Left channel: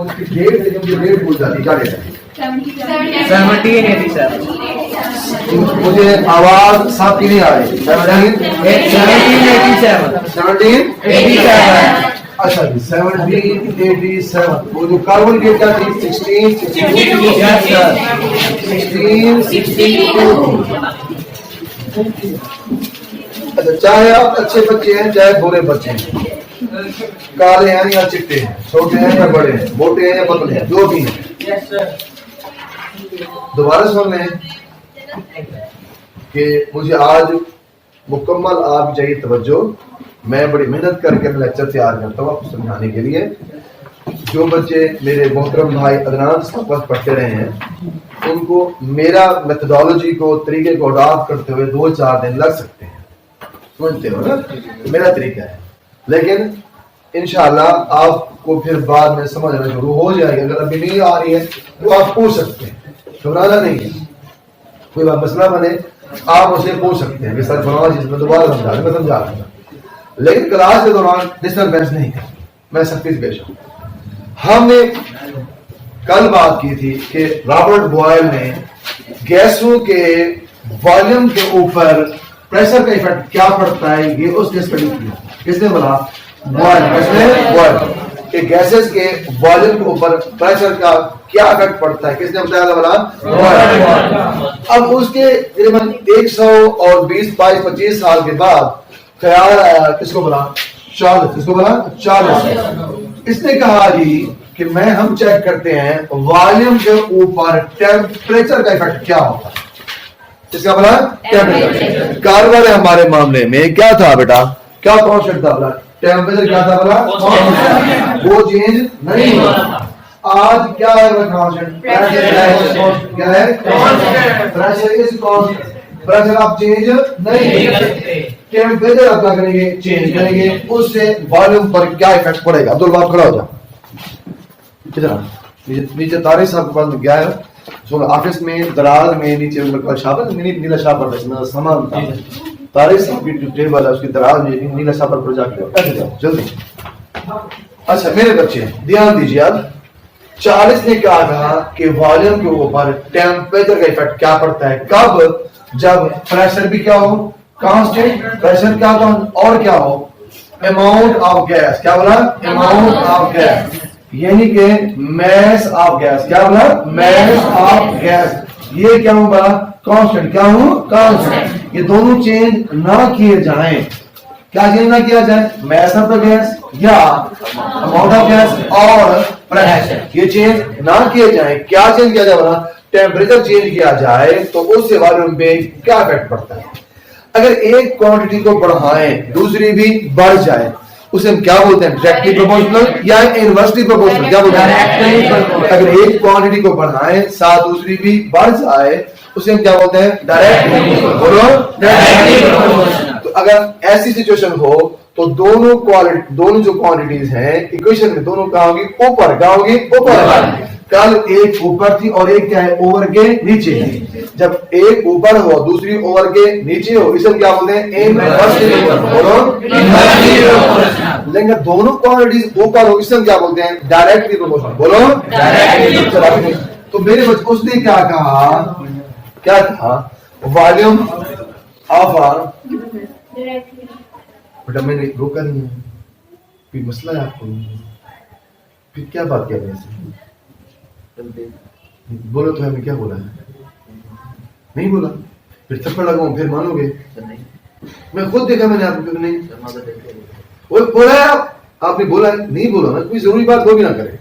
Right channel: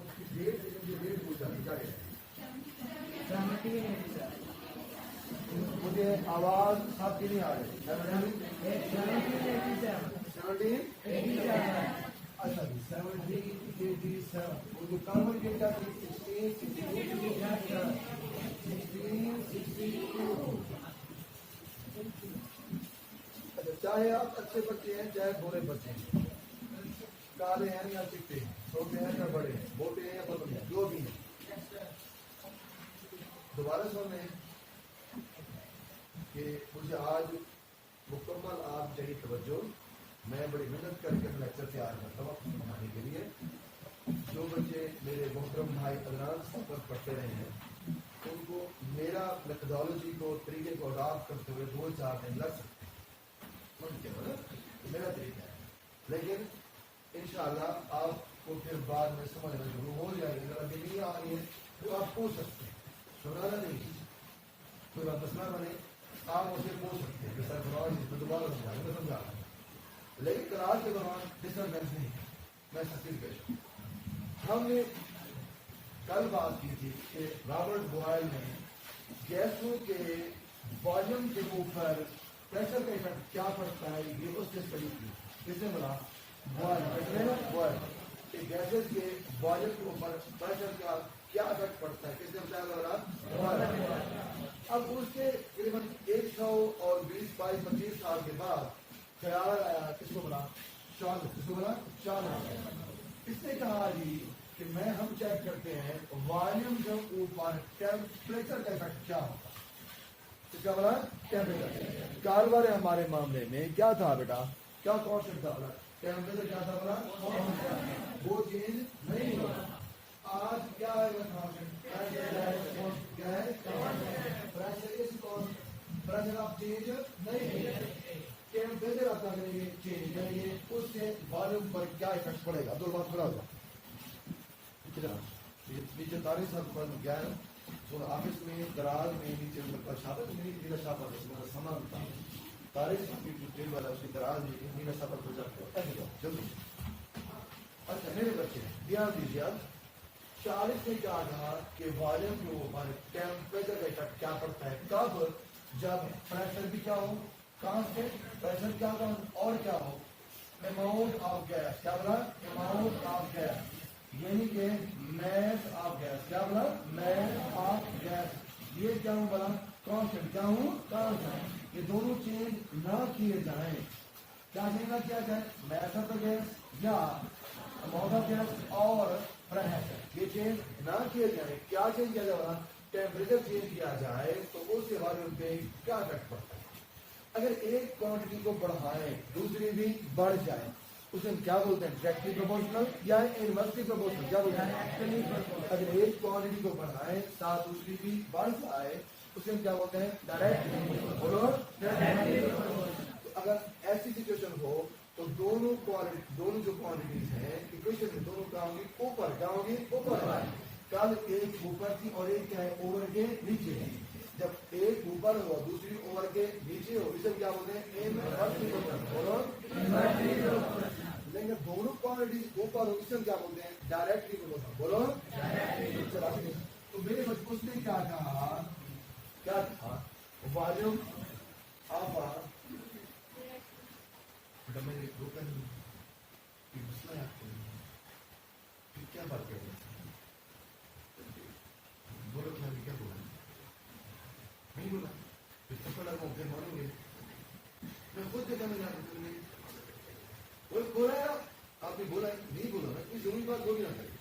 उसकी डेट लेकिन मुझे डेट भूल जाती, क्या डेट है? 1787। मुझे आवाज साफ की नहीं आ रही। 1787। अच्छा जी 1787। वो जो कार्बन डेट क्या थी? 1662। अच्छा, चाहे आप अच्छे बच्चे हैं चाहे बुरे बच्चे हैं, काले हैं या चिट्टे हैं, छोटे हैं या बड़े हैं, मोटे हैं या पतले हैं, जो भी हैं, दोबारा सुन लें कि मुझे आज मुकम्मल आपकी चाहिए तवज्जो। मैं बड़ी मेहनत करके लेक्चर तैयार करता हूँ आपको समझाने के लिए। जो बच्चे मेरे मोहतरम भाई अदनान साहब पढ़ते रहे हैं उनको मेरा मेथोडोलॉजी को, तरीके को अडॉप्ट करते हुए 2-4 दिन लग सकते हैं, समझते हो ना? मेरा तरीका है, लेकिन इंशाल्लाह आपको फिर बाद में समझ आना शुरू हो जाएगा। अगर अभी नहीं आ रही है तो आप पूछ सकते हैं, घबराना नहीं है। कोई बात मसला बने आप उसे पूछ सकते हैं कि सर फलाना चीज में दोबारा समझा मैं समझा दूंगा, लेकिन क्लास के दौरान डिस्टर्बेंस नहीं करना, मैं सख्ती से पेश हूं। हमने कल बात की थी कि रॉबर्ट बॉयल ने गैसों के वॉल्यूम के ऊपर प्रेशर का इफेक्ट क्या पड़ता है ये उसने स्टडी किया। किसने बोला? बॉयल। किसने? बॉयल कि गैसेस के वॉल्यूम के ऊपर प्रेशर का क्या इफेक्ट पड़ता है, किसने बताया था? बोला बॉयल। अब उसके तकरीबन 120-25 साल के बाद ख्याल आया, किसको बोला? चार्ल्स। किसको बोला? चार्ल्स। इसने कहा जी कि हम चेक करते हैं वॉल्यूम के ऊपर टेम्परेचर का इफेक्ट क्या होता है। इसका बोला टेम्परेचर। कार्बन है हमारे मामले में क्या था बेटा? क्या कॉन्स्टेंट था? बोला टेम्परेचर क्या था? बोला वो चेंज नहीं हुआ। आज क्या है कॉन्स्टेंट? प्रेशर क्या है? Pressure is constant. प्रेशर आप चेंज नहीं करते, टेम्परेचर आप क्या करेंगे? चेंज करेंगे। उससे वॉल्यूम पर क्या इफेक्ट पड़ेगा? अब्दुल बाप खड़ा हो जा, नीचे तारिक साहब के पास में गया है, ऑफिस में दराज में नीचे शापर नीला शापर सामान था, तारिक साहब की टेबल है उसकी दराज में नीला शापर पर जाके जाओ जल्दी। अच्छा मेरे बच्चे ध्यान दीजिए, अब 40 ने क्या कहा कि वॉल्यूम के ऊपर टेम्परेचर का इफेक्ट क्या पड़ता है? कब? जब प्रेशर भी क्या हो? कांस्टेंट। प्रेशर क्या हो और क्या हो? Amount of gas. क्या बोला? अमाउंट ऑफ गैस, यानी कि मैस ऑफ गैस। क्या बोला? Mass of gas. ये क्या हूं? बोला कांस्टेंट। क्या हूं? कांस्टेंट। ये दोनों चेंज ना किए जाएं। क्या चेंज ना किया जाए? मैस ऑफ द गैस या अमाउंट ऑफ गैस और प्रेशर, ये चेंज ना किए जाए। क्या चेंज किया जाए? बोला टेम्परेचर चेंज किया जाए तो उससे वॉल्यूम पे क्या इफेक्ट पड़ता है? अगर एक क्वांटिटी को बढ़ाएं दूसरी भी बढ़ जाए उसे हम क्या बोलते हैं? डायरेक्टली प्रोपोर्शनल या इनवर्सली प्रोपोर्शनल? क्या बोलते हैं? अगर एक क्वांटिटी को बढ़ाएं साथ दूसरी भी बढ़ जाए उसे हम क्या बोलते हैं? डायरेक्टली। बोलो डायरेक्टली प्रोपोर्शनल। तो अगर ऐसी सिचुएशन हो तो दोनों जो क्वांटिटीज हैं इक्वेशन में दोनों कहाँ होगी? ऊपर। कहाँ होगी? ऊपर। कल एक ऊपर थी और एक क्या है? ओवर के नीचे थी। जब एक ऊपर हो दूसरी ओवर के नीचे हो इसे क्या बोलते हैं? इनवर्सली। बोलो इनवर्सली प्रोपोर्शनल। लेकिन दोनों क्वांटिटीज ऊपर हो इसे क्या बोलते हैं? Directly proportional. बोलो डायरेक्टली। तो मेरे बच्चे उसने क्या कहा? क्या कहा? वॉल्यूम ऑफ बेटा मैंने रोका नहीं है, कोई मसला है आपको? फिर क्या बात कर रहे हैं? बोलो तो हमें क्या बोला है? नहीं बोला, फिर थप्पड़ लगाऊं फिर मानोगे? मैं खुद देखा मैंने आपको नहीं वो बोला है। आपने बोला नहीं बोला ना, कोई जरूरी बात वो भी ना करे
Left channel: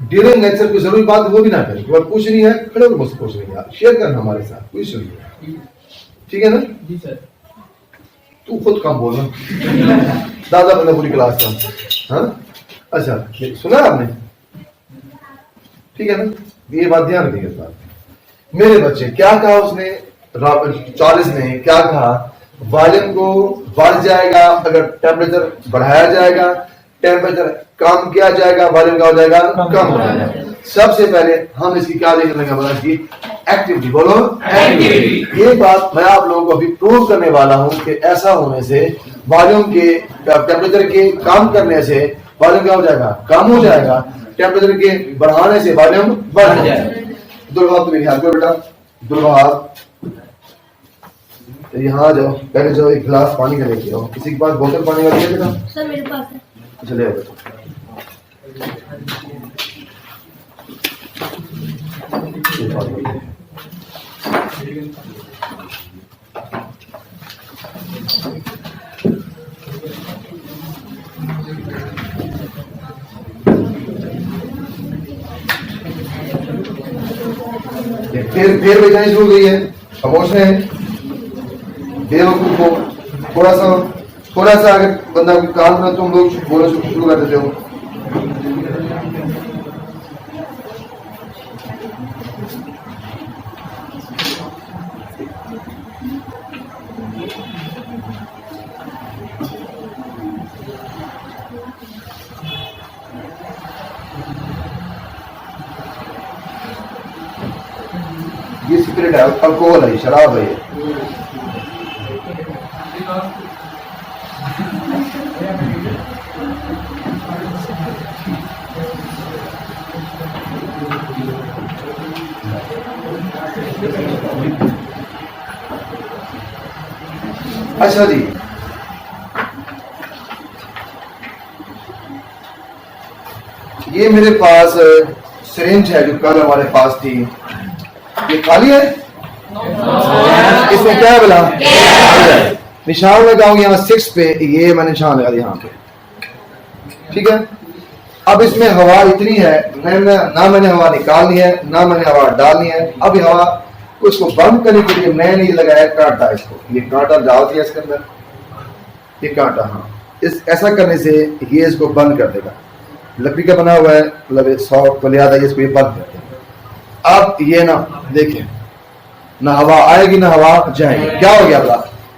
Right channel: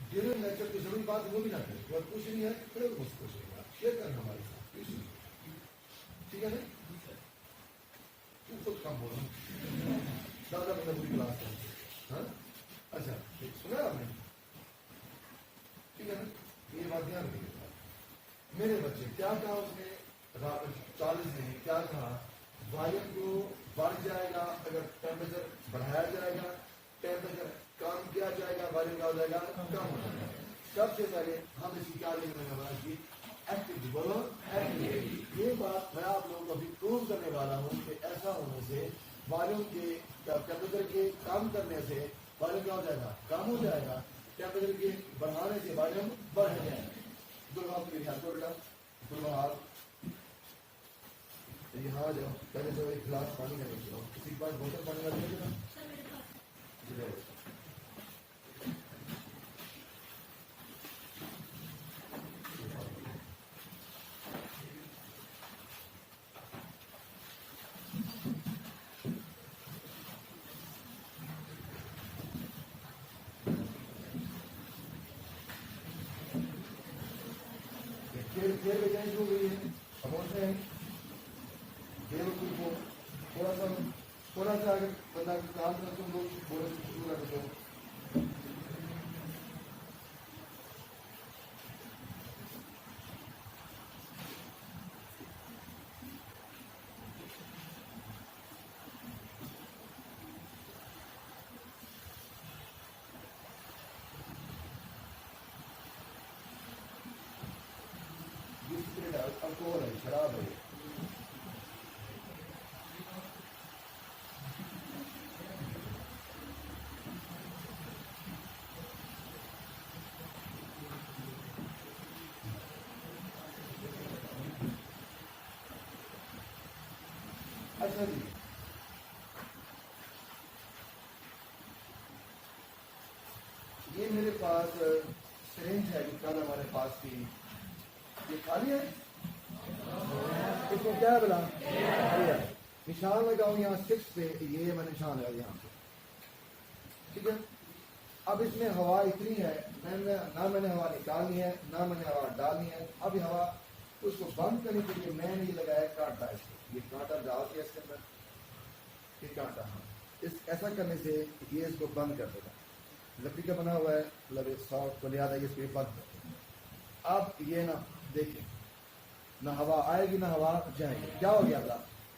ड्यूरिंग लेक्चर, कोई जरूरी बात वो भी ना करे। कोई पूछ नहीं है खड़े होकर मुझसे पूछ नहीं, शेयर करना हमारे साथ, कोई इशू नहीं। ठीक है ना? जी सर। तू खुद काम बोलना दादा मैंने पूरी क्लास का। हाँ अच्छा सुना आपने? ठीक है ना? ये बात ध्यान रखिएगा। मेरे बच्चे क्या कहा उसने? 40 ने क्या कहा? वॉल्यूम को बढ़ जाएगा अगर टेम्परेचर बढ़ाया जाएगा, टेम्परेचर कम किया जाएगा वॉल्यूम क्या हो जाएगा? कम हो जाएगा। सबसे पहले हम इसकी क्या देखने लगे? बोला कि एक्टिविटी। बोलो एक्टिविटी। ये बात मैं आप लोगों को अभी प्रूव करने वाला हूं कि ऐसा होने से वॉल्यूम के टेम्परेचर के कम करने से वॉल्यूम क्या हो जाएगा? कम हो जाएगा। टेम्परेचर के बढ़ाने से वॉल्यूम बढ़ जाए। दुर्भाव तुम्हें ख्याल करो बेटा, दुर्भाव यहाँ जाओ, पहले जो एक गिलास पानी का लेके आओ। किसी के पास बोतल पानी वाली है बेटा? सर मेरे पास है। चले आओ बेटा। फिर बेचैनी शुरू हो गई है, खामोश है। बेवकूफ को थोड़ा सा अगर बंदा कोई काम करे तुम लोग बोलना शुरू कर देते हो। ये सिगरेट है, अल्कोहल है, शराब है। अच्छा जी, ये मेरे पास सिरिंज है जो कल हमारे पास थी, ये खाली है। इसमें क्या है बोला? निशान लगाऊंगा यहाँ 6 पे, ये मैं निशान लगा दिया यहाँ पे, ठीक है। अब इसमें हवा इतनी है, ना मैंने हवा निकालनी है ना मैंने हवा डालनी है। अब हवा को इसको बंद करने के लिए मैंने ये लगाया कांटा, इसको ये कांटा डाल दिया इसके अंदर, ये कांटा। हाँ, इस ऐसा करने से ये इसको बंद कर देगा। लकड़ी का बना हुआ है, मतलब सॉफ्ट को लिया था, इसको ये बंद कर देगा। अब ये ना देखिए, ना हवा आएगी ना हवा जाएगी। क्या हो गया बोला?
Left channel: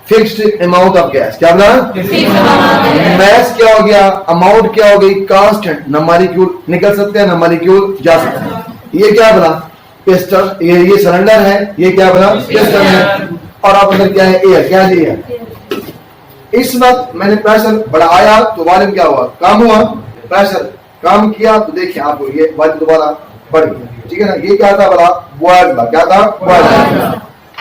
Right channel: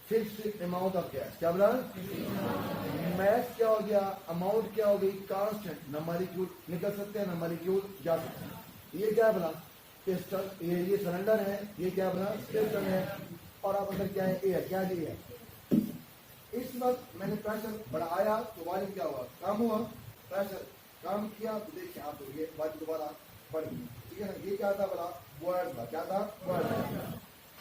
Fixed amount of gas. क्या बोला? मैस क्या हो गया? अमाउंट क्या हो गई? कांस्टेंट। ना मॉलिक्यूल निकल सकते हैं ना मॉलिक्यूल जा सकते हैं। ये क्या बोला? पिस्टन। ये सिलेंडर है, ये क्या बोला? पिस्टन है। और आप अंदर क्या है? एयर। क्या है? एयर। इस वक्त मैंने प्रेशर बढ़ाया तो वॉल्यूम क्या हुआ? कम हुआ। प्रेशर कम किया तो देखिए आपको ये वॉल्यूम दोबारा बढ़ गया, ठीक है ना। ये क्या था बोला? Boys law. क्या था? Boys law.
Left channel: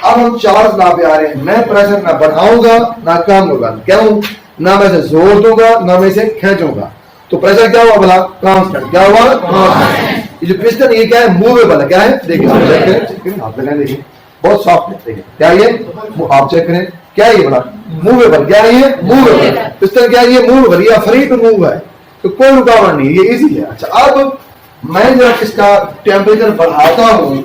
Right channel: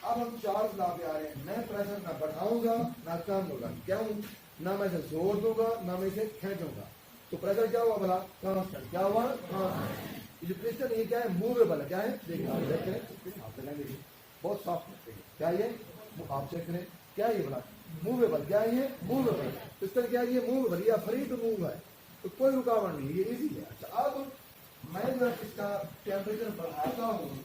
अब हम चार्ल्स लॉ पे आ रहे हैं। मैं प्रेशर ना बढ़ाऊंगा ना कम होगा। क्यों? ना मैं इसे जोर दूंगा ना मैं इसे खींचूंगा, तो प्रेशर क्या हुआ बोला? कांस्टेंट। क्या हुआ? कांस्टेंट। ये जो पिस्टन ये क्या है? मूवेबल है। क्या है? देखिए आप चेक करें, आप देखिए बहुत सॉफ्ट है। देखिए क्या ये, आप चेक करें क्या ये बोला? मूवेबल। क्या है ये? मूवेबल। पिस्टन क्या है? ये मूवेबल, ये फ्री टू मूव है, तो कोई रुकावट नहीं, ये इजी है। अच्छा, अब मैं जब इसका टेम्परेचर बढ़ाता हूं,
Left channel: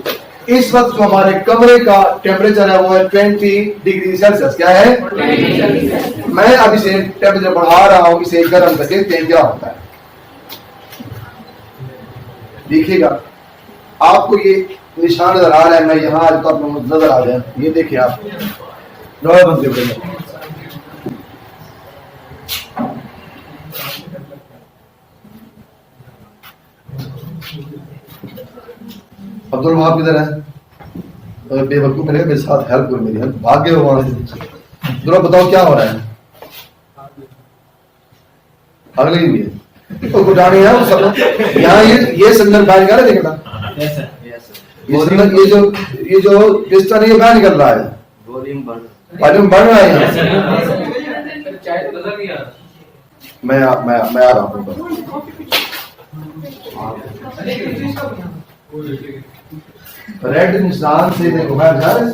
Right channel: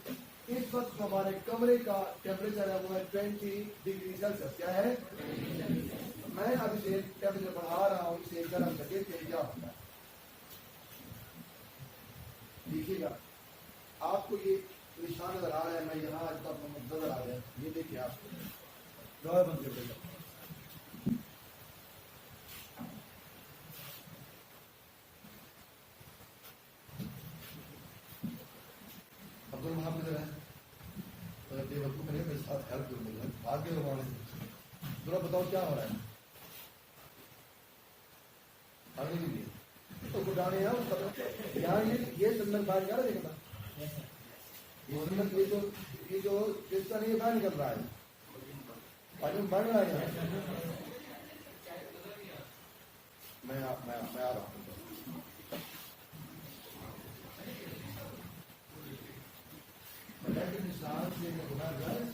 इस वक्त जो हमारे कमरे का टेम्परेचर है वो है 20 डिग्री सेल्सियस। क्या है? मैं अब इसे टेम्परेचर बढ़ा रहा हूं, इसे गर्म करके देखते हैं क्या होता है। देखिएगा आपको ये निशान नजर आ रहा है। मैं यहाँ आज तो आपको नजर आ जाए, ये देखिए आप अब्दुल वहाब किधर है? बेवकूफ मेरे साथ हेल्प करो, मेरी हेल्प। भाग गए वहां से। जरा बताओ क्या हो रहा है? अगले ही है तो गुटानी है वो सब। यहाँ ये सिलेंडर बाहर निकाल रहा है, देखना ये सिलेंडर, ये जो पिस्टन है ये बाहर निकल रहा है, वॉल्यूम बढ़ रहा है। मैं आ रहा हूँ। रेड निशान से देखो बाहर जा रहे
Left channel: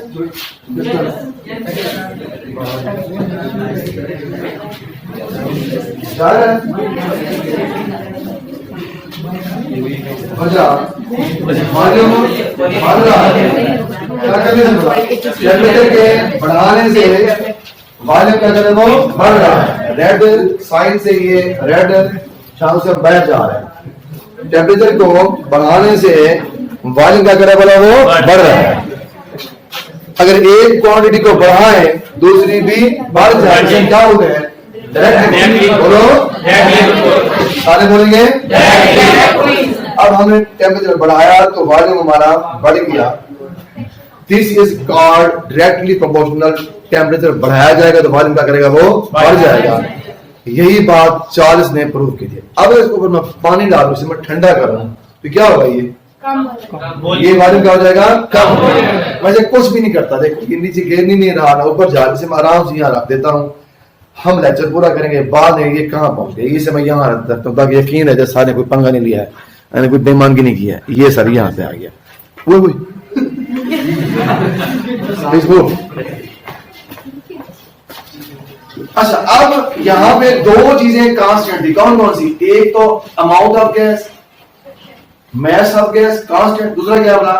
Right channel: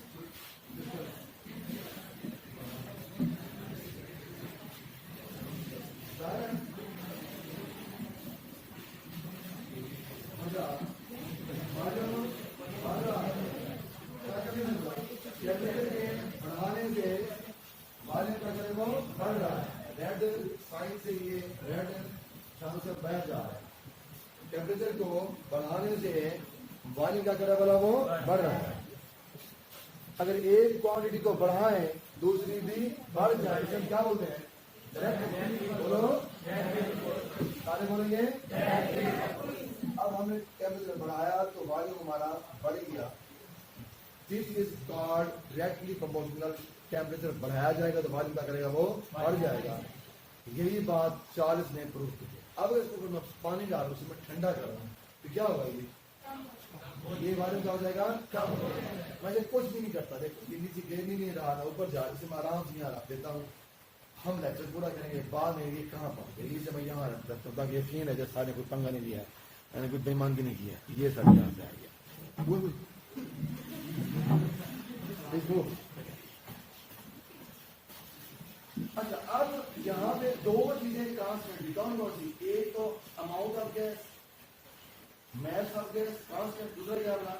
बढ़ाने से वॉल्यूम क्या करे वो बढ़ रहा है। रेड साइन से ये रेड शाम से बैठ जा रहा है। टेम्परेचर को बढ़ाने से वॉल्यूम क्या करे बोला? वो बढ़ रहा है। अगर एक क्वांटिटी को बढ़ाए दूसरी भी बढ़ जाए, क्या हो गए? बोलो, सारे बोलेंगे। अब हमने टेम्परेचर बढ़ाया तो वॉल्यूम हमारा बढ़ गया। This is called directly proportional. Temperature बढ़ाया जाएगा तो वॉल्यूम क्या करेगा? वो बढ़ जाएगा। यही बात चार्ल्स ने प्रूव की थी। अब इसके ऊपर मैं पानी डालूं, इसे मैं ठंडा कर रहा हूं, तो क्या होगा, ये वॉल्यूम क्या हो जाएगा, कम हो जाएगा। वैसे कुछ भी नहीं करता, देखो ये नीचे गिर नहीं रहा ना ऊपर जा, इसे मैं आराम से यहाँ रख देता हूँ। हम लेक्चर पूरा करेंगे, बाद में ये कहाँ पहुंच गए, इसे मैं यहाँ रख देता हूँ ताकि यकीन है जैसे सारे कोई पंगा नहीं लिया है, मैंने कोई बेईमानगी नहीं किया है। ये सर यहाँ से आ गया वो अच्छा, अब यहाँ पे दो चीजें कांस्टेंट थी, कौन कौन सी, एक तो amount of gas, mass of gas constant, दूसरा क्या बोला,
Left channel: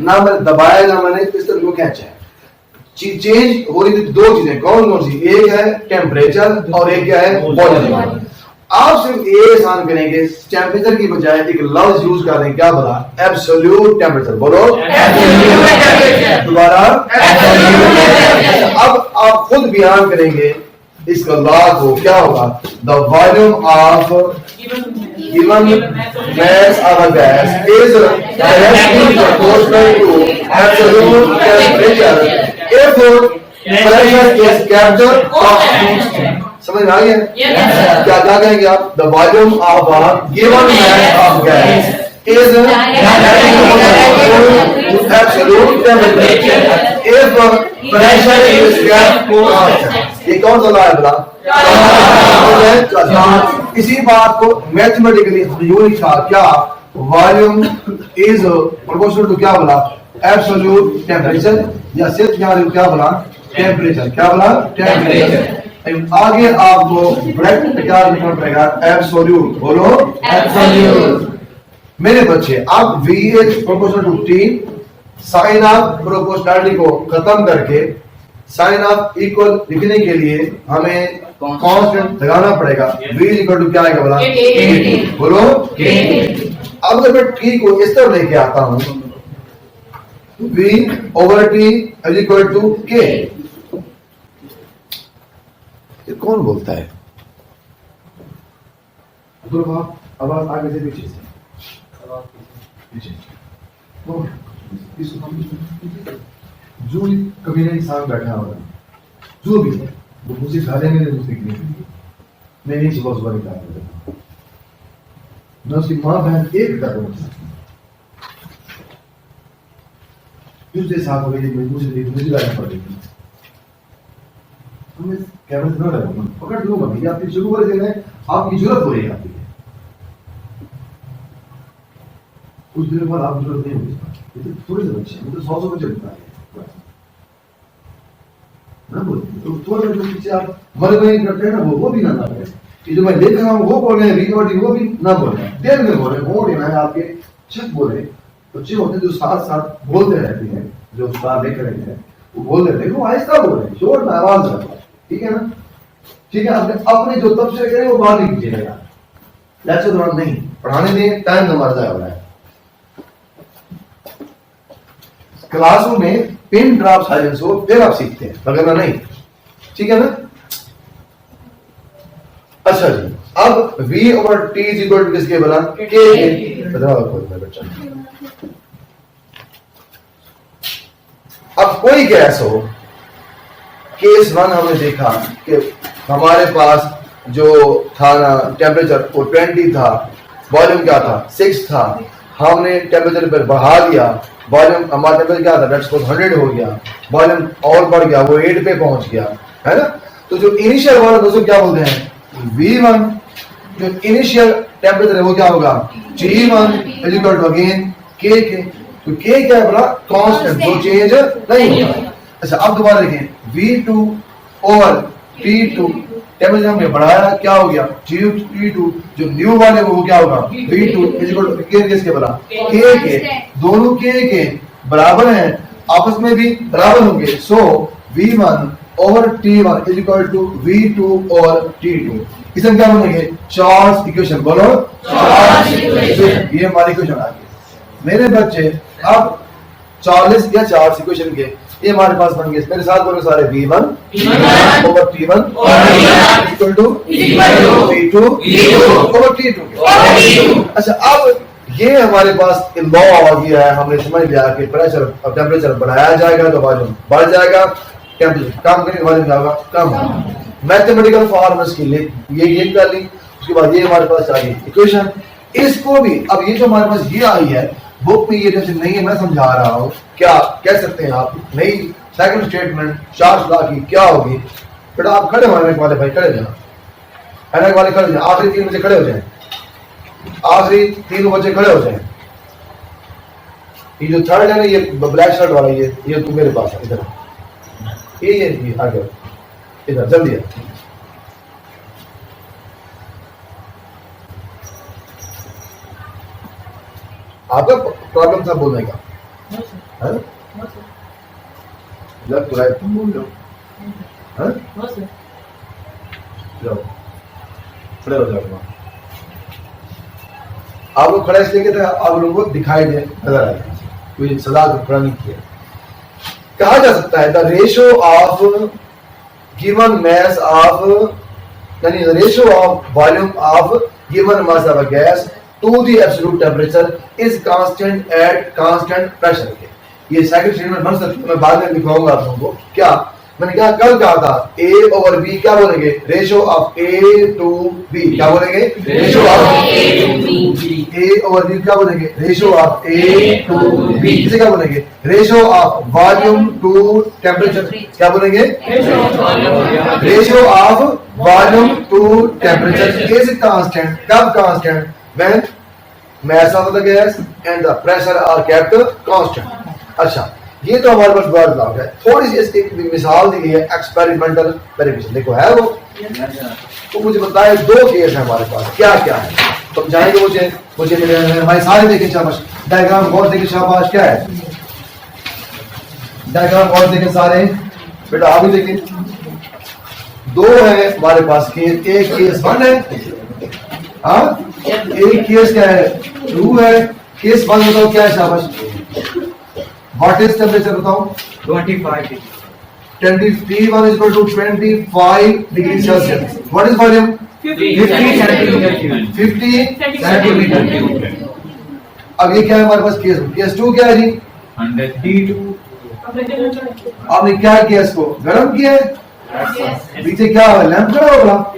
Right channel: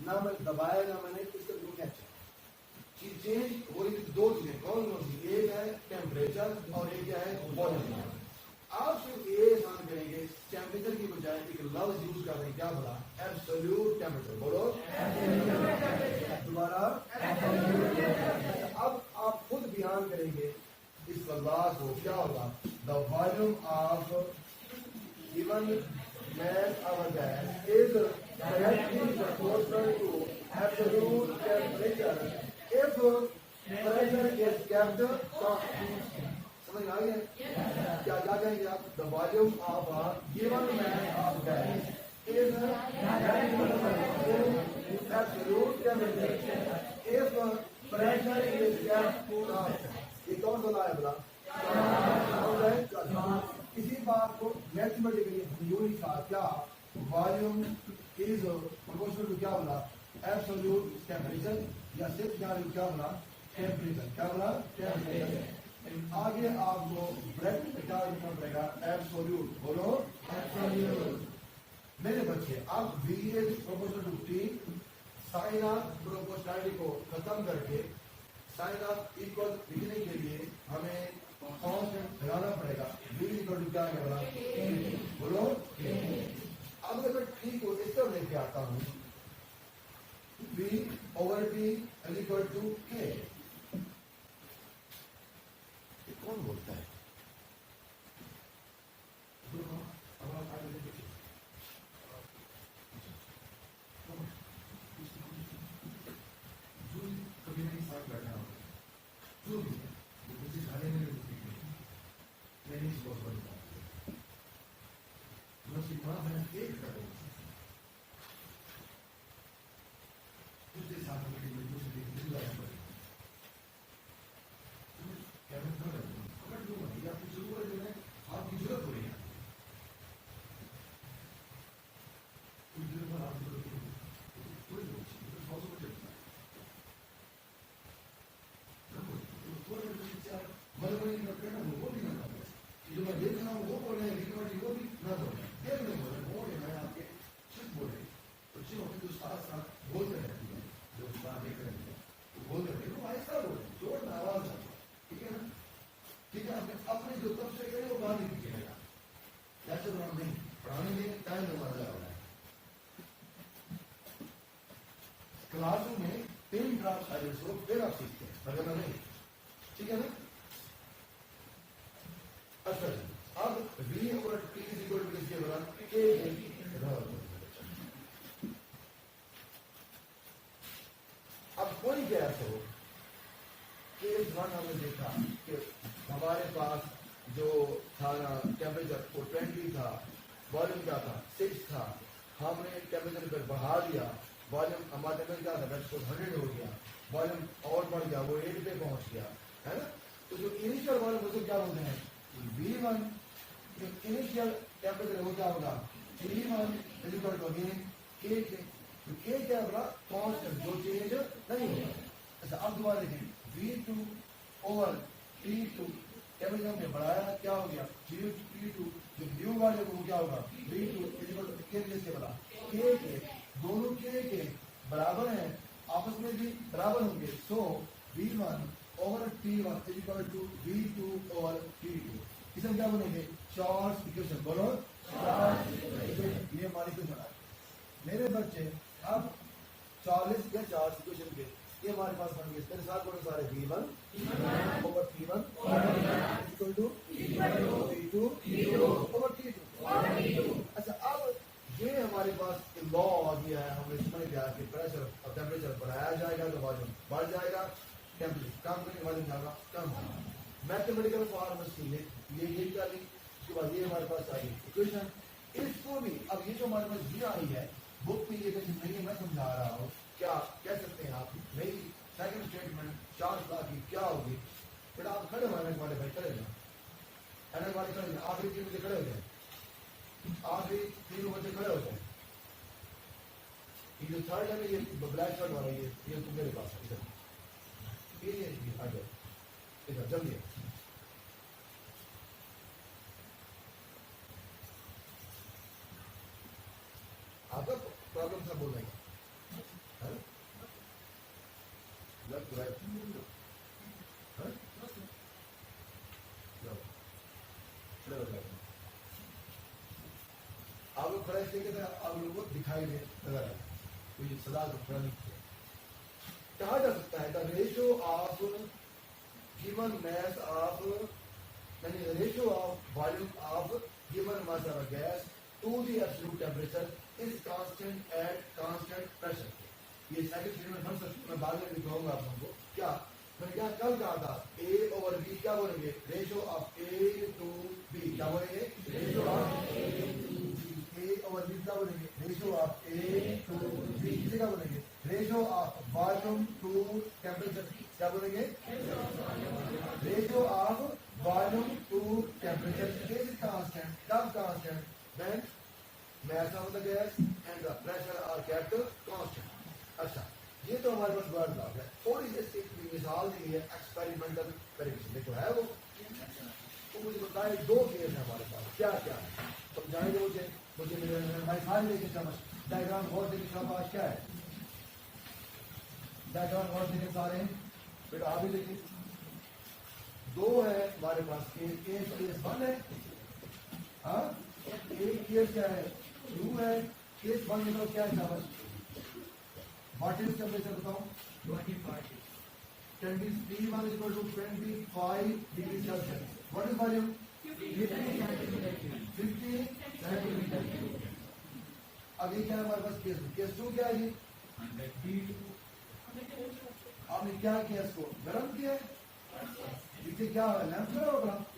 ना मैंने दबाया ना मैंने इस तरह को खींचा है। चेंज हो रही थी दो चीजें, कौन कौन सी, एक है टेम्परेचर और एक क्या है वॉल्यूम। आप सिर्फ ये आसान करेंगे, टेम्परेचर की बजाय एक लफ्ज यूज कर रहे हैं, क्या बोला, एब्सोल्यूट टेम्परेचर, बोलो दोबारा। अब आप खुद बयान करेंगे इसका लॉ को, क्या होगा, the volume of given mass of a gas is directly proportional to absolute temperature if pressure is kept constant। समझ में आ गया? क्या क्या कहेंगे आप, the volume of a given mass of gas is directly proportional to absolute temperature if pressure is kept constant। ये कौन सा लॉ है बोला, इसी बात को मैथमेटिकली यूं लिखा, क्या, वॉल्यूम इज प्रोपोर्शनल टू क्या बोला, एब्सोल्यूट टेम्परेचर, या सिर्फ यहाँ क्या बोला, टेम्परेचर, क्या बोला, टेम्परेचर। आगे आपको ब्रैकेट में क्या लिखना पड़ेगा, एब्सोल्यूट, बोलो एब्सोल्यूट। मेरे बच्चे, अब V is proportional to T, sign of proportionality को खत्म करके साइन ऑफ इक्वल लिखने के लिए हमें कांस्टेंट लगाना पड़ेगा। V इक्वल टू क्या आएगा बोला, बोलो। अब जब मैं T को इस तरह लेके आता हूं, V over T is equal to K। ये कौन बोलता है, आवाज आगे से पीछे से, जो कभी ना इंसान बैठा होगा, जो भी है वो मुझे खाने में नहीं सीखने, मैं नहीं सुबह सुबह निकाल, मैं उसकी माँ बहन एक कर दूसरे साथ हो गई, मुझे लाना पड़ेगी, कैमरे से ना लगा, पकड़ लूंगा भैया, आपकी शुरू कर देना है, आपकी जरूरत हो रही है, आपकी कुछ देर बाद आप जरूरत नहीं होगी, थोड़े से बच्चे मतलब 100 बच्चे होता है ना, बोलते तो थोड़े जो पीछे आप मर गए करते हैं ना, वो भी ना करें। ये जो मैं देख रहा हूँ वो बोल रहे हैं, रिकॉर्डिंग वो भी ना बोल रहे हैं, देर में बोल रहे हैं, वो लेना है आपके छत बोल रहे बच्चे होते हैं जो साथ साथ बोलते रहते हैं, जो उस्ताद देख रहे हैं वो बोल रहे हैं, देखो आहिस्ता बोल रहे हैं, शोर में आवाज रखो, ठीक है ना, ठीक है। अपने जो तबसरे करें वो बाहर नहीं कीजिएगा, लेक्चर दौरान नहीं, पढ़ाने दें, टाइम हमारा जाया हो रहा है। क्लासरूम में पिन ड्रॉप साइलेंस हो फिर आप सीखते हैं, वगैरह नहीं, ठीक है ना। अच्छा जी, अब V over T is equal to किसके बना, K। बच्चा, अब कोई गैस हो, केस 1 हमने देखा कि हमारे पास जो था ना टेम्परेचर वो 20 था, वॉल्यूम क्या था 6 था, हमने टेम्परेचर पर बढ़ा दिया, वॉल्यूम हमारा टेम्परेचर क्या था, लेट्स सपोज 100 हो गया, वॉल्यूम और बढ़ गया, वो 8 पे पहुंच गया, है ना। तो जो इनिशियल वॉल्यूम दोस्तों क्या बोलते हैं, V1, जो इनिशियल टेम्परेचर है वो क्या होगा, T1 is equal to again K के, तो K क्या है बोला, कांस्टेंट, जो चेंज नहीं होगा। अच्छा, अब दोबारा देखें, V2 ओवर T2, टेम्परेचर हमने बढ़ाया, क्या हो गया, T2, जो न्यू वाले वो क्या होगा, V2 इज इक्वल टू किसके बोला, K के, दोनों K के बराबर हैं, आपस में भी बराबर होंगे, so V1 over T1 is equal to V2 over T2। इसे क्या बोलेंगे, चार्ल्स इक्वेशन, बोलो चार्ल्स इक्वेशन, ये हमारी इक्वेशन आ गई। मेरे बच्चे, अब चार्ल्स या चार्ल्स इक्वेशन के ये हमारे पास बन गए, मेरे साथ बोलो सारे, V1 over T1 equal to V2 over T2। अच्छा, अब ये हमारे पास लॉ आ गया है, हमने समझ लिया कि प्रेशर और टेम्परेचर बढ़ाया जाएगा तो वॉल्यूम बढ़ जाएगा, टेम्परेचर, काम करने के बाद क्या होगा, कम। मैथमेटिकल फॉर्मूले के लिए ये कर ली, उसके बाद ये हमारे पास आ गई इक्वेशन। इसको भी अब ये जो हमारे पास ये आई है बुक में, ये जैसे नहीं है, मैं समझा रहा हूँ, क्या कह सकते हैं आप, नई सेकंड स्टेटमेंट चार्ल्स लॉ की क्या होगी। बेटा आप खड़े हो वाले भाई, खड़े जाओ, एनक वाले खड़े जाओ, आखिरी 3 बच्चे खड़े हो जाए, आखिरी 3 बच्चे खड़े हो जाए। ये जो थर्ड है ना, ये ब्लैक शर्ट वाला, ये तू मेरे पास है, इधर ये आ गया, इधर जल्दी है। आपका प्रॉब्लम था बोलने का, लेफ्ट राइट तुम बोल रहे हो, जाओ खड़े हो जाओ। आप लोग खड़े इसलिए थे, आप लोगों को दिखाई दे, नजर आए, कोई सदा को खड़ा नहीं किया। कहा जा सकता है the ratio of given mass of, यानी the ratio of volume of given mass of a gas to the absolute temperature is constant at constant pressure। ये सेकंड स्टेटमेंट बन सकती है, मैं बाद में दिखाऊंगा आप लोगों को। क्या मैंने कहा, कल कहा था A over B क्या बोलेंगे, ratio of A to B क्या बोलेंगे, ratio of A over B क्या बोलेंगे, ratio of A to B। इसे क्या बोलेंगे, ratio of volume to temperature क्या बोलेंगे, ratio of volume to temperature is constant. कब constant, when mass of the gas and the pressure are kept constant। अच्छा, ये तो हमारे पास वर्ड लॉ है। थोड़ी सी इसकी मिसाल दी गई है एक्सपेरिमेंटल वेरिफिकेशन, देखो है वो, तो मुझे बताए 2 केस है हमारे पास, क्या क्या है समझाएंगे मुझे भाई सारे देखें, शाबाश, डायग्राम गौर देखें, शाबाश, क्या है डायग्राम गौर देखें सारे, बेटा आप भी देखें। 2 है हमारे पास केस, एक केस 1 है, हाँ, एक केस क्या है 2 है। केस 1 बताओ क्या है, शाबाश, व्हाट इज टेम्परेचर बताओ, 25 21 is equal to 25 degree Celsius. What is volume, 50 centimetre cube. अब ये क्या है हमारे पास केस 2 क्या है जी, 100 आपने क्या किया, इसको गर्म किया है, पीछे क्या है लैंप खड़ा होगा,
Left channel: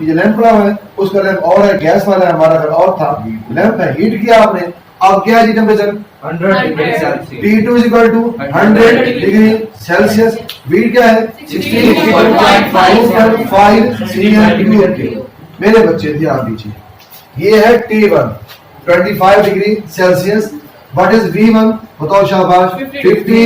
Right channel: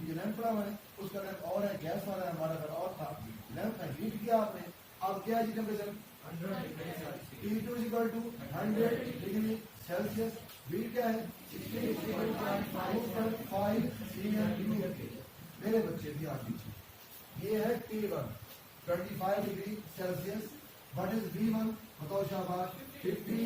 ये लैंप पड़ा हुआ है, उसका लैंप और है, गैस वाला है, हमारा घर और था, लैंप है, हीट किया आपने। अब क्या है जी temperature, 100 degree Celsius, T2 is equal to 100 degree Celsius, heat क्या है 16.5 cm3। मेरे बच्चे ध्यान दीजिए, ये है T1 25 degree Celsius, what is V1 बताओ शाबाश, 50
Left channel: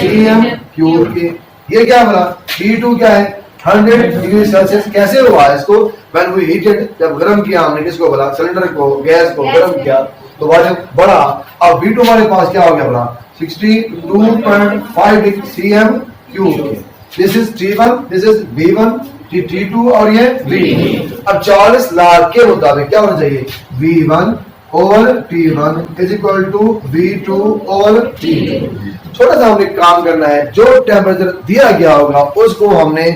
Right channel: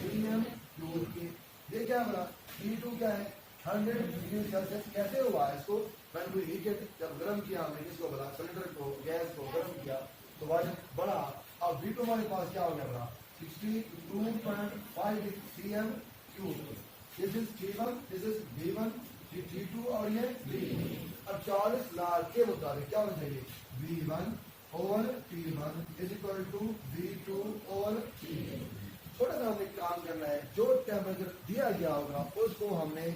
cm3। ये क्या बोला, T2 क्या है 100 डिग्री सेल्सियस। कैसे हुआ इसको, व्हेन वी हीटेड, जब गर्म किया हमने, किसको बोला, सिलेंडर को, गैस को गर्म किया तो वॉल्यूम बढ़ा। अब V2 हमारे पास क्या हो गया बोला, 62.5 cm3। This is T1, this is V1, T2 और ये V2। अब चार्ल्स लॉ के मुताबिक क्या होना चाहिए, V1 over T1 is equal to V2 over T2। थोड़ा सा हमने काम करना है, जो टेम्परेचर दिया गया होगा उसको हमने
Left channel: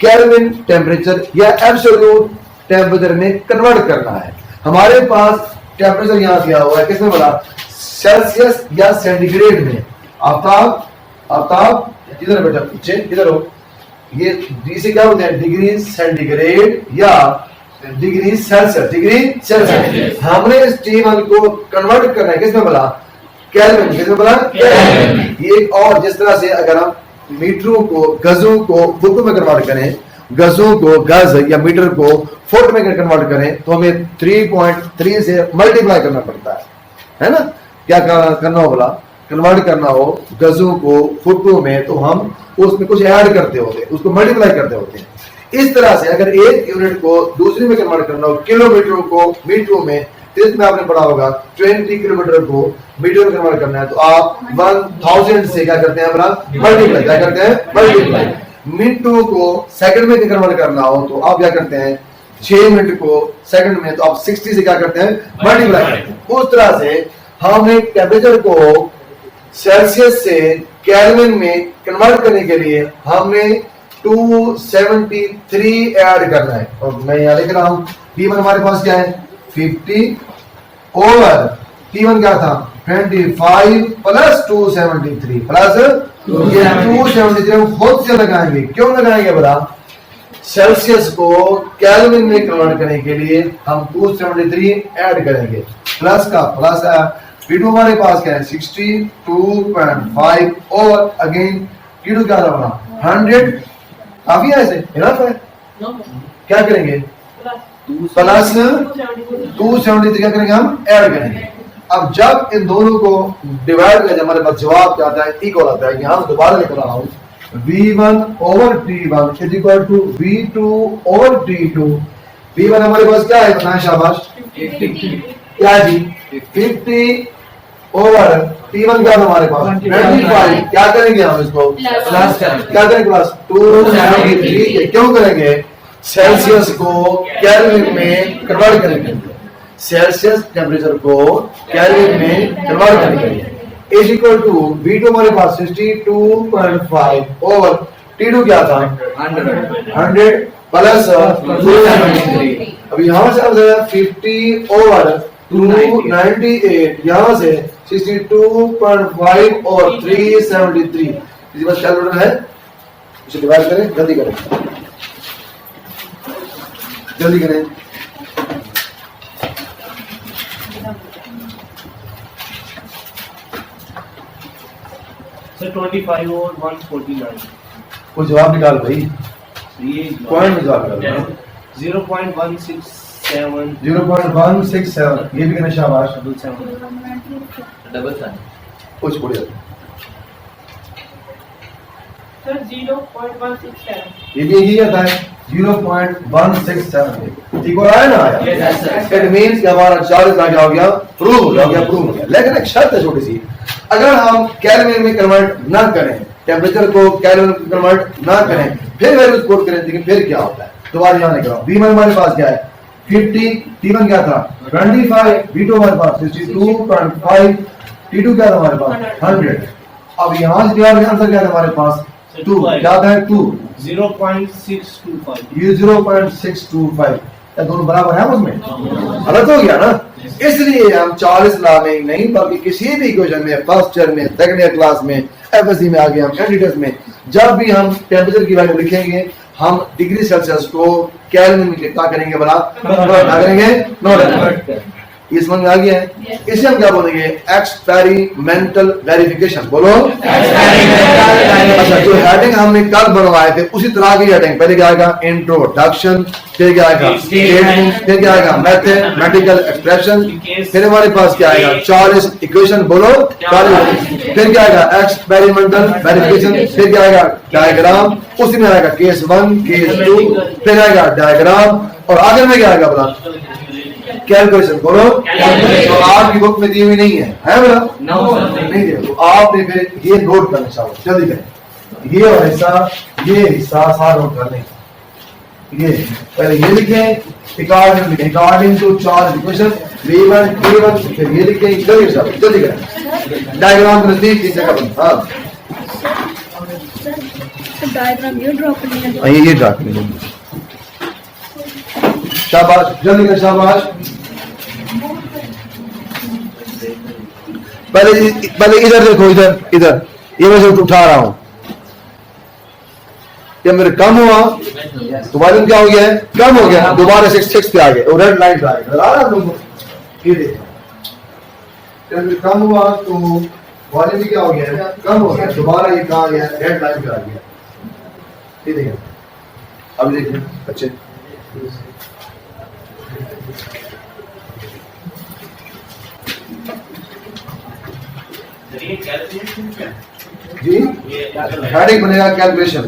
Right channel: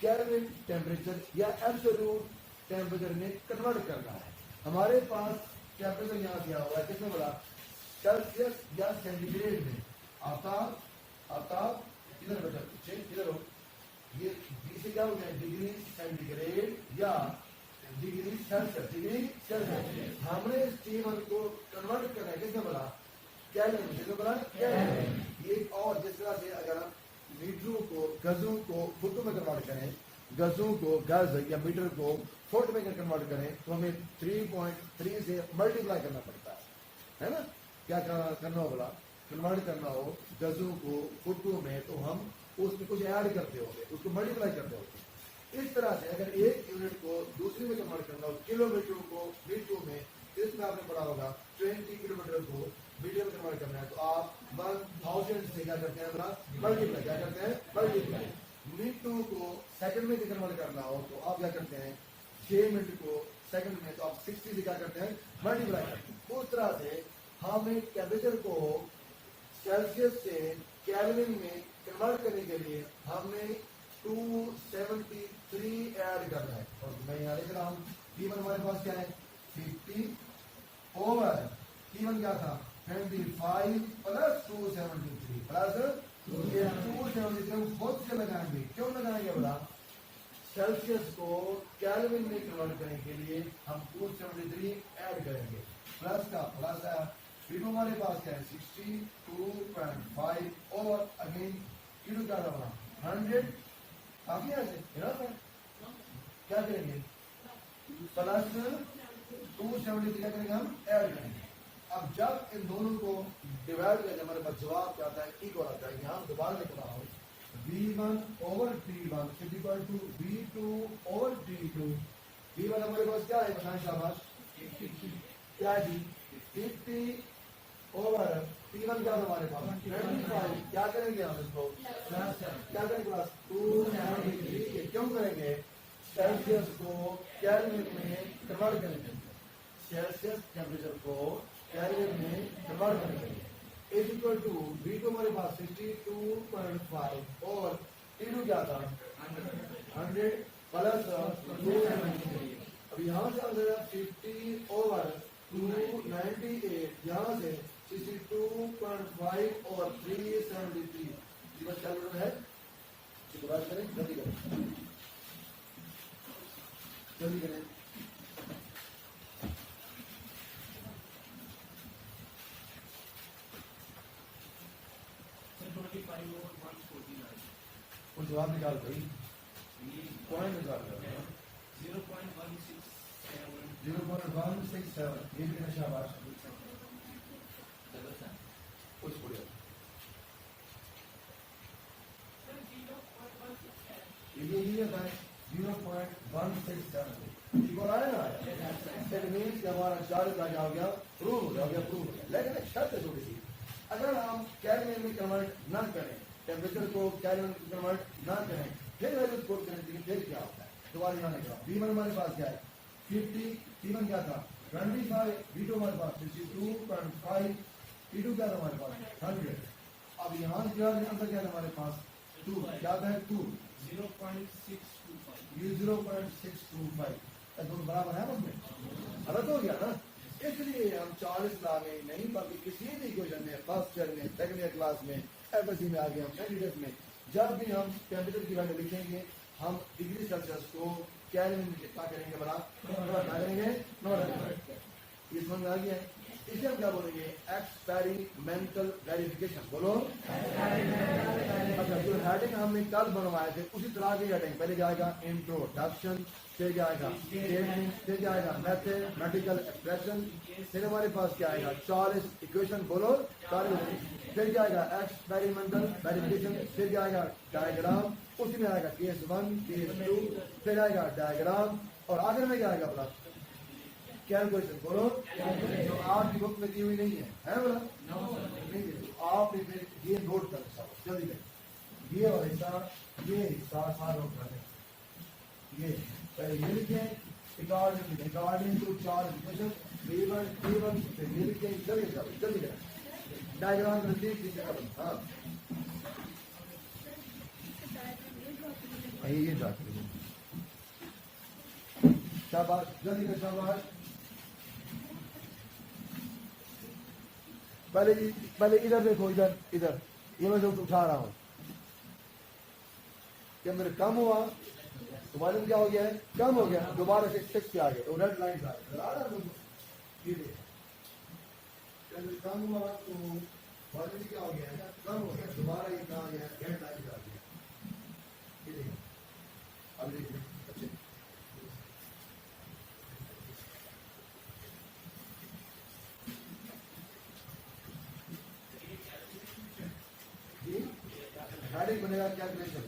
केल्विन टेम्परेचर या एब्सोल्यूट टेम्परेचर में कन्वर्ट करना है। हमारे पास टेम्परेचर यहाँ दिया हुआ है, किसमें बोला, सेल्सियस या सेंटीग्रेड में। आफ्ताब किधर बेटा, पीछे किधर हो, ये इसे क्या बोलते हैं, डिग्री सेंटीग्रेड या डिग्री सेल्सियस। हमने इस T1 को कन्वर्ट करना है, किसमें बोला, केल्विन, किसमें बोला, केल्विन। ये और जिस तरह से अगर हम मीटरों को, गजों को फुट में कन्वर्ट करें, गजों को गज या मीटर को फुट में कन्वर्ट करें, तो हमें 3.3 से मल्टीप्लाई करना पड़ता है ना। क्या करना हो बोला, कन्वर्ट करना हो गजों को फुटों में, तो हम उसमें कुछ ऐड करते होते हैं, उसको मल्टीप्लाई करते होते हैं। इस तरह से अगर एक यूनिट को दूसरी में कन्वर्ट करना हो, किलोमीटर को मीटरों में, इसमें आपने पढ़ा होगा 20 किलोमीटर को मीटर में कन्वर्ट करना है, तो आप 1000 से क्या करते हैं, मल्टीप्लाई, क्या करते हैं, मल्टीप्लाई। मिनटों को सेकंड में कन्वर्ट करना हो तो आप क्या करते हैं, 6 मिनट को सेकंड में, तो आप 60 से क्या करते हैं, मल्टीप्लाई करते हैं। उस तरह से हमने टेम्परेचर को सेल्सियस से केल्विन में कन्वर्ट करने के लिए हमने 273 ऐड करना है। और मैं यहाँ लिख रहा हूं, T1 हमारे पास क्या है 50 ओवर T1 क्या था 25 प्लस 273 प्लस ये 273 हम खुद से लगाएंगे। क्यों लगाएंगे बड़ा? सेल्सियस को केल्विन में कन्वर्ट करने के लिए हम 273 ऐड करेंगे। प्लस का प्लस है, P2 हमारे पास क्या है 62.5 और अगेन Q2 क्या था बड़ा 100। काफी है, ऐसे इनफ है। क्या करेंगे? प्लस 273 क्या करेंगे हम? ऐड करेंगे। अब जब इन दोनों को डिवाइड करें हमारे पास जवाब क्या आता है? इक्वल आता है। यहां दोबारा लिख रहा हूं V1 over T1 is equal to V2 over T2। V1 हमारे पास क्या है बताएं शाबाश? 50 क्या जी? 50 ओवर T1 क्या था हमारे पास? 25। क्या करेंगे हम इसको? प्लस क्या करेंगे? प्लस 273। क्यों करेंगे? सेल्सियस को केल्विन में कन्वर्ट करेंगे। सेल्सियस टेम्परेचर को केल्विन में कन्वर्ट करेंगे। इज इक्वल टू V2 हमारे पास 62.5 ओवर T2 क्या था 100 प्लस 273। अब यहाँ से 50 ओवर 298, यहाँ से 62.5 और 373। इसी बात कैलकुलेटर है, इसे डिवाइड करें। जल्दी करें, जल्दी करें। सर 25 और 149। कोई जवाब निकाल भाई, ये पॉइंट में जवाब निकाल। 0.167 0.167। ये भी कहना शाबाश। डबल कुछ बढ़िया। सर 0.167। ये भी यही आता है 0.167। ठीक हो रहा है ना? इट मींस कि हमारा 40 का क्या हो गया? प्रूव हो गया, प्रूव हो गया। लेकिन एक शर्त है छोटी सी, अगर हम केल्विन में कन्वर्ट ना करें, टेम्परेचर को केल्विन में कन्वर्ट ना करें, फिर वैल्यूज कोट करें, लेकिन फिर क्या होता है? दोबारा यहाँ लिख रहा हूँ। V1 हमारे पास क्या है 50, T1 क्या था 25, V2 हमारे पास 62.5, T2 क्या था हमारे पास 100। अब यहाँ से आंसर क्या था हमारे पास 2, क्या था 2 0.625। ये 0.625। क्या दोनों बराबर है उसमें? गलत हो गया ना? इसलिए हम 40 ला में नहीं बल्कि किसी भी इक्वेशन में, फर्स्ट ईयर में, सेकंड ईयर क्लास में, एफएससी में आगे हम कैंडिडेट्स में जब भी हम टेम्परेचर की वैल्यू लिखेंगे, हम डिग्री सेल्सियस को केल्विन में क्या करेंगे? बड़ा करेंगे, नोट। ये समझ में आ गया है? इसे हम क्या बोलेंगे? Experimental verification. बोलो अच्छा, जो हेडिंग हमने कल बनवाए थे उसी तरह की हेडिंग। पहले क्या आएगा? इंट्रोडक्शन, फिर क्या आएगा? स्टेटमेंट, फिर क्या आएगा? मैथमेटिकल एक्सप्रेशन, फिर हमारे पास क्या आएगा? 40 इक्वेशन। बोलो 40। फिर क्या आएगा? एक्सपेरिमेंटल वेरिफिकेशन, फिर क्या आएगा? डायग्राम, उसी में आएगा केस 1, केस 2, फिर आएगा डायग्राम, और आगे में क्या आएगा? बोला कैलकुलेशन। बोलो तो आपकी बुक में दी हुई नहीं है बोला? नहीं है। तो आपने फिर ये नोट करना चाहिए। जल्दी करें, ये और हिस्सा, ये हिस्सा सारा नोट कर लें। ये पहले ये लिखें, according to charge equation V1 T1, फिर ये लिखें। जल्दी करें, डायग्राम के नजदीक इस जगह पर। हाँ डायग्राम ये ड्रॉ करनी है। ये ड्रा करें। शाबाश, जल्दी करें, शाबाश। पहले इधर देखो, इधर ये मैं उठा रहा हूं। ये मेरे कम हुआ तो वॉल्यूम क्या हो गया है? कम हो गया। दोबारा 6 पे आ गए और रेड लाइट आ गई। ये देखो, जब कम हुआ तो वॉल्यूम क्या हो गया है? कम हो गया। दोबारा ये कहा गया? रेड लाइट पे आ गया। ये देखिए, अब देखिए अच्छे जी हेडिंग बनेगा कैलकुलेशन।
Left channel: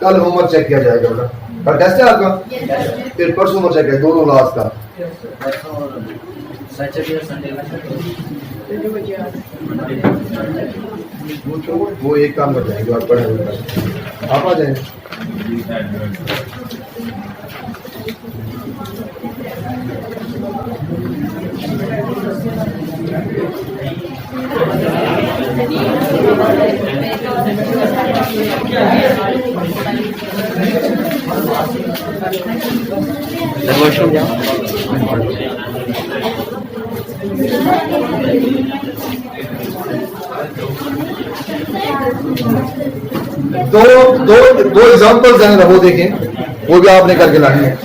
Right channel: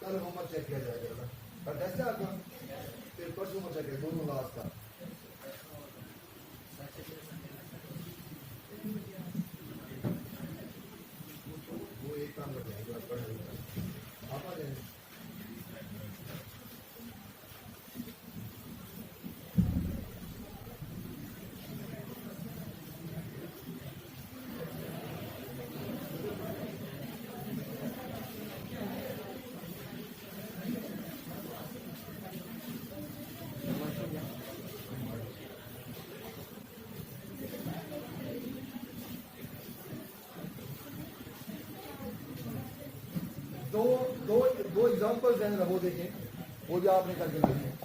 कल होमवर्क चेक किया जाएगा बेटा। कल टेस्ट है आपका? फिर परसों होमवर्क चेक है दोनों क्लास का। वो एक काम कर जाएंगे और पढ़े हुए आप आ जाएंगे। वॉशरूम जाओ। दो दो दो एग्जांपल्स हैं, वो देखें, वो भी आपने करके लानी है।